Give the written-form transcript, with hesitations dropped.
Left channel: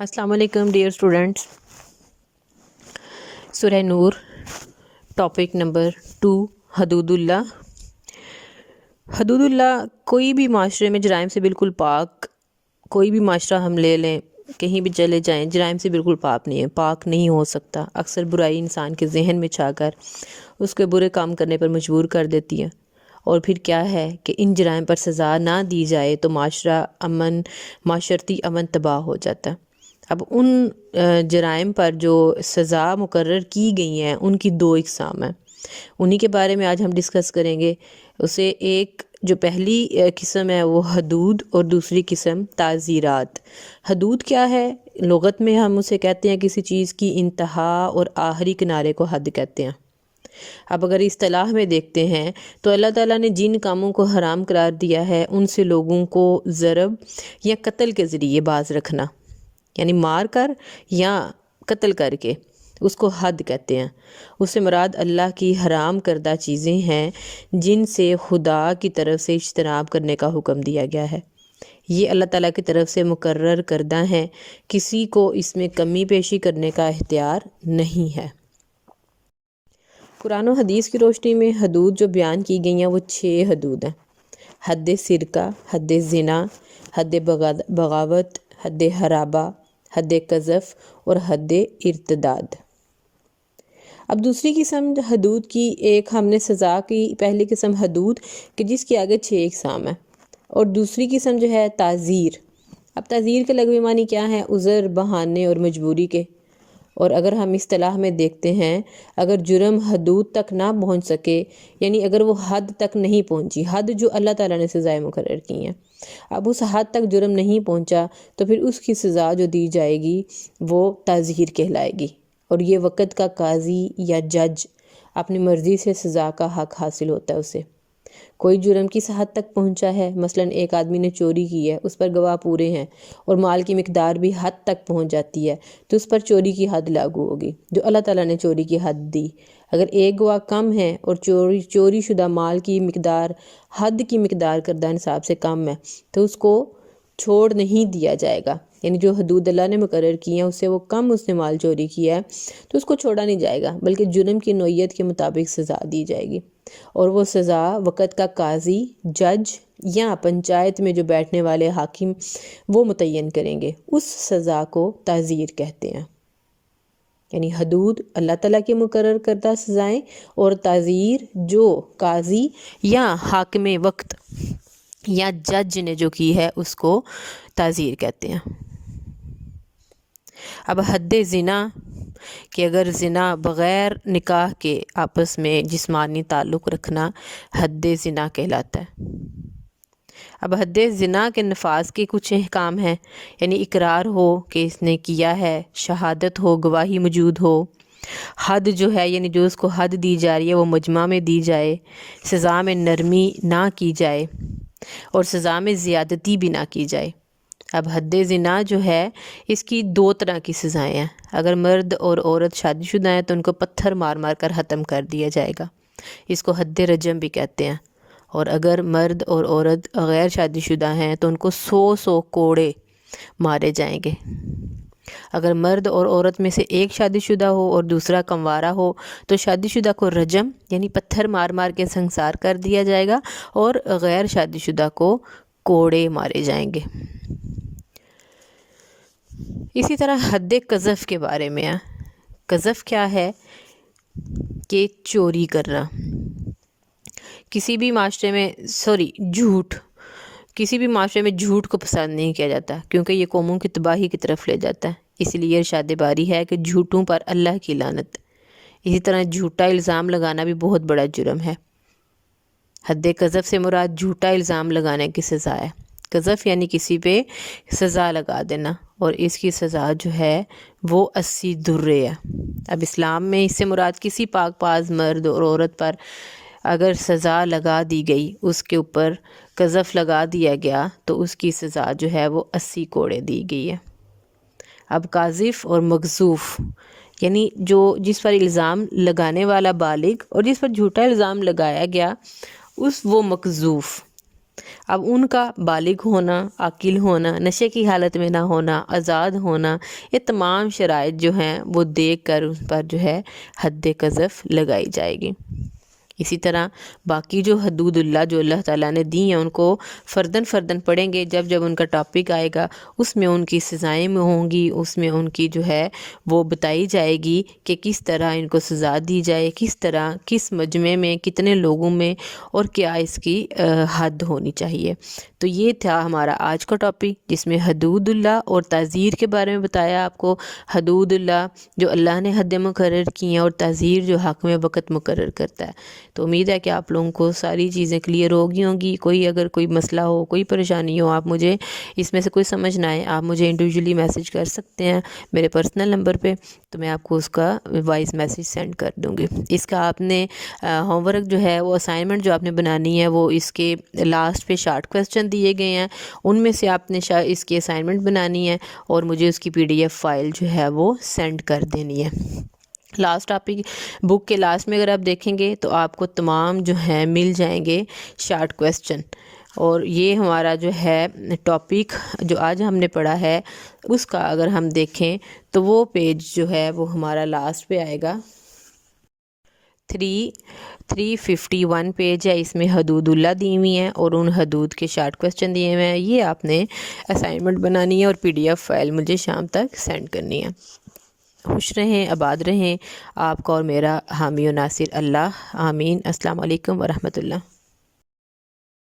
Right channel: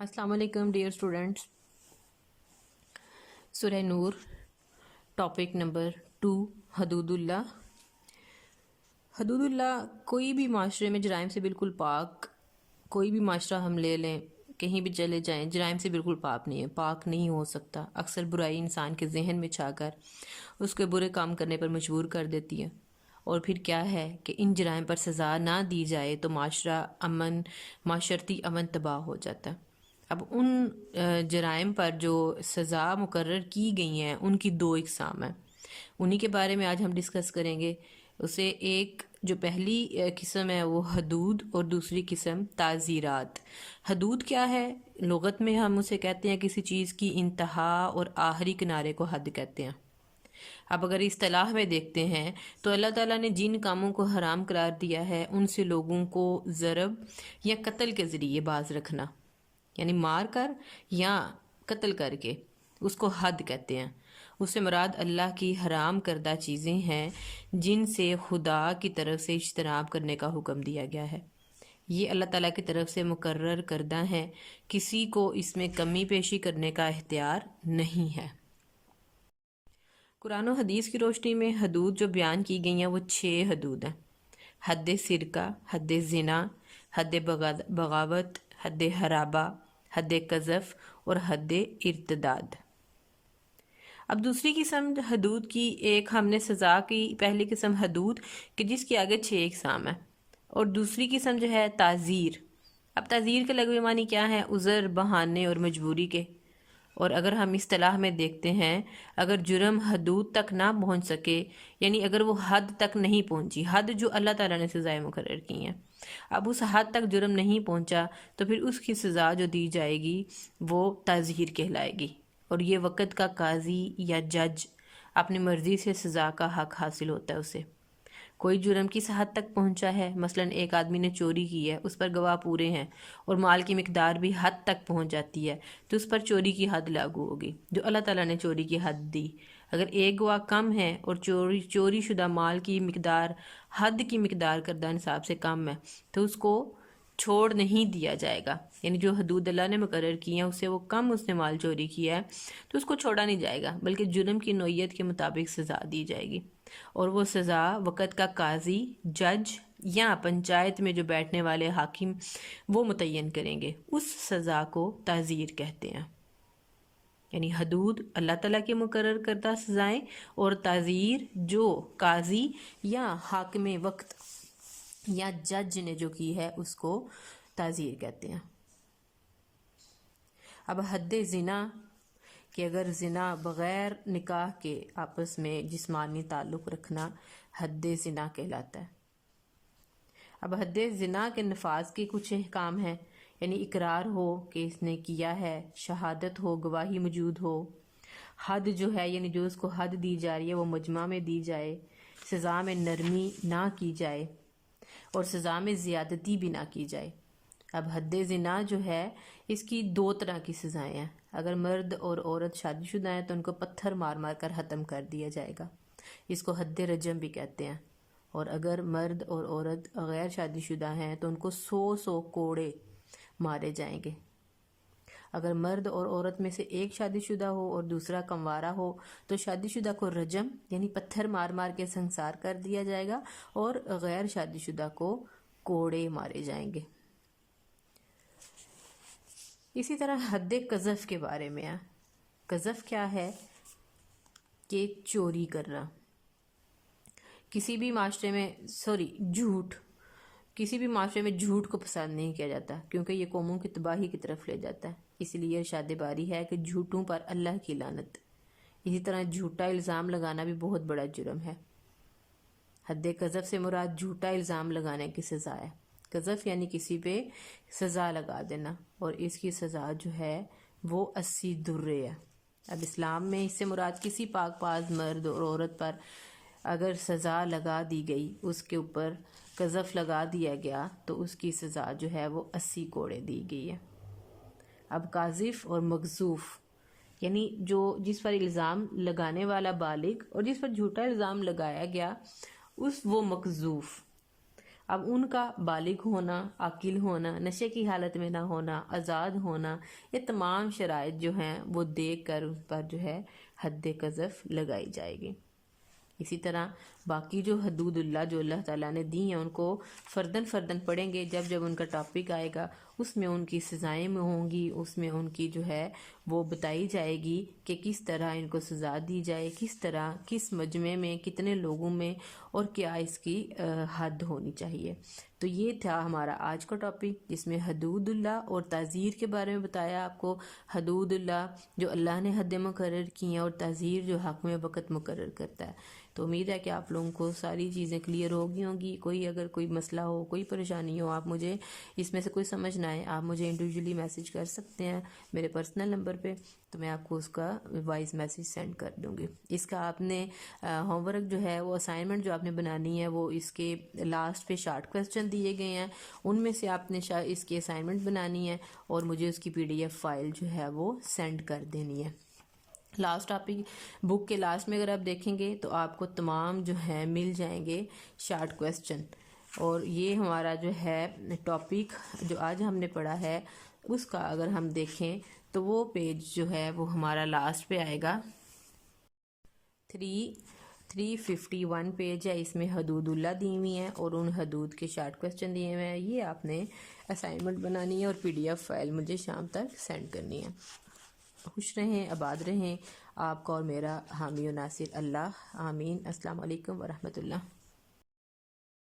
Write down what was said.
अस्सलाम वालेकुम dear students. सूरह नूर टॉपिक नंबर 2 हदूदुल्लाह। हदूदुल्लाह कोई भी माशरे में जराइम से बिल्कुल पाक, कोई भी माशरा हम ले लें, कहीं भी चले जाएं, जराइम से बिल्कुल पाक नहीं हो सकता। अक्सर बुराई इंसान के जहन में छाकर उसके बुरे काम करने पर मजबूर कर देती है, और फिर क्या है कि इन जराइम पर सज़ा ना दी जाए तो माशरती अमन तबाह हो जाता है। अब उन जराइम पर जो सज़ा मुकर्रर की गई हैं उनकी दो इकसाम हैं, उन्हीं के बारे में आज हम डिस्कस करेंगे। उसे एक जो पहली किस्म है वो हदूद और दूसरी किस्म ताज़ीरात। हदूद क्या है? लुगत में हम उसे कहते हैं किसी चीज़ की इंतहा और आखिरी किनारे को हद कहते हैं। अब अगर इस्तिलाह में देखते हैं तो अल्लाह ताला ने जिन कामों को हराम करार दिया है उनसे लोगों को ज़रब या कत्ल के ज़रिए बाज रखना, यानी मार कर या कत्ल करके, उसको हद कहते हैं। उससे मुराद अल्लाह की हराम करदा चीज़ें हैं जिनसे खुदा की तरफ से इज्तनाब करने का हुक्म दिया गया है। ये अल्लाह ताला की तरफ से मुकर्रर करदा है, किसी को इसमें कमी पेशी करने का इख्तियार नहीं है। कुरान और हदीस की रोशनी में हदूद जो बयान की गई हैं वो 6 हदूद हैं। हद सिरका, हद ज़िना, हद बगावत, हद हराबा, हद कज़फ़ और हद इर्तदाद। अब दूसरी किस्म हदूद की, एक हमने सज़ा की पहली किस्म हदूद कि जिसके आगे 6 इकसाम है, और दूसरी किस्म जो है ताज़ीर। अब ताज़ीर के लगवे मानी क्या है? उज़र, बहाने और मजबूरी के। और अगर हम इस्तिलाह में देखते हैं, अगर जुर्म हदूद तक ना पहुंच सके, यानी अगर वो हद तक नहीं पहुंची, हद जो अल्लाह ताला ने सज़ाएं मुकर्रर की हैं, अब उस हद तक जुर्म नहीं पहुंचा तो फिर उसकी सज़ा जो दी जाएगी वो ताज़ीर कहलाएगी। और ये वक़्त का काजी या जज अपनी मर्ज़ी से सज़ा का हक हासिल होता है उसे। कोई जुर्म किस हद तक पहुंचा है, मसलन एक आदमी ने चोरी की है, उस पर गवाह पूरे हैं और माल की मिकदार भी हद तक पहुंच जाती है, तो उस पर चोरी की हद लागू होगी जो अल्लाह ताला ने चोरी की हद दी। अगर एक गवाह कम है और चोरी शुदा माल की मिकदार हद की मिकदार करदा निसाब से कम है तो उसको छोड़ नहीं दिया जाएगा, यानी जो हदूद अल्लाह ने मुकर्रर की हैं उससे वो कम उसने माल चोरी किया है तो उसको छोड़ा नहीं जाएगा, बल्कि जुर्म की नौइयत के मुताबिक सज़ा दी जाएगी। और वो सज़ा वक़्त का काजी, जज या पंचायत में जो बैठने वाले हाकिम वो मुतय्यन करेंगे। उस सज़ा को ताज़ीर कहते हैं। यानी हदूद अल्लाह ताला के मुकर्रर करदा सज़ाएं, और ताज़ीर जो काजी या हाकिम वक्त या जज ने जो की है उसको ताज़ीर कहते हैं। अब हद ज़िना कि अगर ज़िना बग़ैर निकाह के आपस में जिस्मानी ताल्लुक़ रखना हद ज़िना कहलाता है। अब हद ज़िना के नफाज के कुछ अहकाम हैं, यानी इकरार हो कि इसने किया है, शहादत हो, गवाही मौजूद हो। हद जो है यानी जो उसको हद दी जा रही है वो मजमा में दी जाए, सज़ा में नरमी ना की जाए और सज़ा में ज़्यादती भी ना की जाए। अब हद ज़िना जो है इसकी 2 तरह की सज़ाएं हैं। अगर मर्द और औरत शादीशुदा हैं तो उनको पत्थर मार मार कर ख़त्म कर दिया जाएगा, इसको हद रजम भी कहते हैं। और अगर मर्द और औरत गैर शादीशुदा हैं तो उनको 100 कोड़े मारे जाएंगे। अगर मर्द और औरत में से एक शादीशुदा हो और दूसरा कंवारा हो तो शादीशुदा को रजम यानी पत्थर मार मार के संसार कर दिया जाएगा और गैर शादीशुदा को कोड़े मारे जाएंगे। इसी तरह हद कज़फ़ के बारे में है। कज़फ़ क्या है? कि चोरी करना। किसी भी माशरे में झूठ, किसी भी माशरे में झूठ को पसंद नहीं किया जाता क्योंकि ये कौमों की तबाही की तरफ ले जाता है। इसलिए इरशाद बारी है कि झूठों पर अल्लाह की लानत। इसी तरह झूठा इल्ज़ाम लगाना भी बहुत बड़ा जुर्म है। हद कज़फ़ से मुराद झूठा इल्ज़ाम लगाने की सज़ा है। कज़फ़ यानी किसी पे सज़ा लगा देना, और इसकी सज़ा जो है वो 80 दुर्रे है। अब इस्लाम में इससे मुराद किसी पाक पाज मर्द और औरत पर अगर सज़ा लगा दी गई, उसके ऊपर कज़फ़ लगा दिया गया तो उसकी सज़ा जो है वो 80 कोड़े दी गई है। अब काज़िफ़ और मग़ज़ूफ़ यानी जो जिस पर इल्ज़ाम लगाने वाला बालिग और जिस पर झूठा इल्ज़ाम लगाया गया वो मक़ज़ूफ़। اب ان کا بالغ ہونا، عاقل ہونا، نشے کی حالت میں نہ ہونا، آزاد ہونا، یہ تمام شرائط جو ہیں وہ دیکھ کر ان پر جو ہے حد قذف لگائی جائے گی۔ اسی طرح باقی جو حدود اللہ جو اللہ تعالیٰ نے دی ہیں ان کو فرداً فرداً پڑھیں گے، جب جب ان کا ٹاپک آئے گا اس میں ان کی سزائیں میں ہوں گی، اس میں ان کی جو ہے وہ بتائی جائے گی کہ کس طرح ان کو سزا دی جائے، کس طرح کس مجمع میں کتنے لوگوں میں، اور کیا اس کی حد ہونی چاہیے۔ تو یہ تھا ہمارا آج کا ٹاپک، جس میں حدود اللہ اور تعزیر کے بارے میں بتایا آپ کو۔ حدود اللہ جو اللہ نے حد مقرر کی ہیں، اور تعزیر جو حق میں وقت مقرر کرتا ہے۔ تو امید ہے کہ آپ لوگوں کو ساری چیزیں کلیئر ہو گئی ہوں گی۔ اگر کوئی مسئلہ ہو، کوئی پریشانی ہو، آپ مجھے اس میں سے کوئی سمجھ نہ آئے، آپ مجھے انڈیویجولی میسج کر سکتے ہیں میرے پرسنل نمبر پہ، تو میں آپ کو اس کا وائس میسج سینڈ کر دوں گی۔ اس کا آپ نے ہوم ورک جو ہے وہ اسائنمنٹ جو آپ نے بنانی ہے وہ اس کے لاسٹ پہ شارٹ کویسچن دیے گئے ہیں، ان میں سے آپ نے اس کی اسائنمنٹ بنانی ہے اور مجھے اس کی PDF فائل جو ہے وہ سینڈ کر دینی ہے۔ لاسٹ ٹاپک بک کے لاسٹ میں اگر آپ دیکھیں گے تو آپ کو تمام جو ہیں مل جائیں گے شارٹ کویسچن، اور یہ ہمارا جو ہے ٹاپک جو آج ہم نے پڑھا ہے اس کا اگر ہم دیکھیں تو وہ پیج جو ہے وہ ہمارا لاسٹ پہ آئے گا، 351 پیج ہے، اس میں حدود اللہ دی ہوئی ہیں اور ان حدود کے شارٹ کویسچن دیے ہوئے ہیں۔ یہ آپ نے اسائنمنٹ بنانی ہے اور PDF فائل مجھے شام تک سینڈ کرنی ہے۔ خوش رہیں، آباد رہیں، آپ کا اور میرا حامی و ناصر اللہ، آمین۔ السلام علیکم ورحمۃ اللہ۔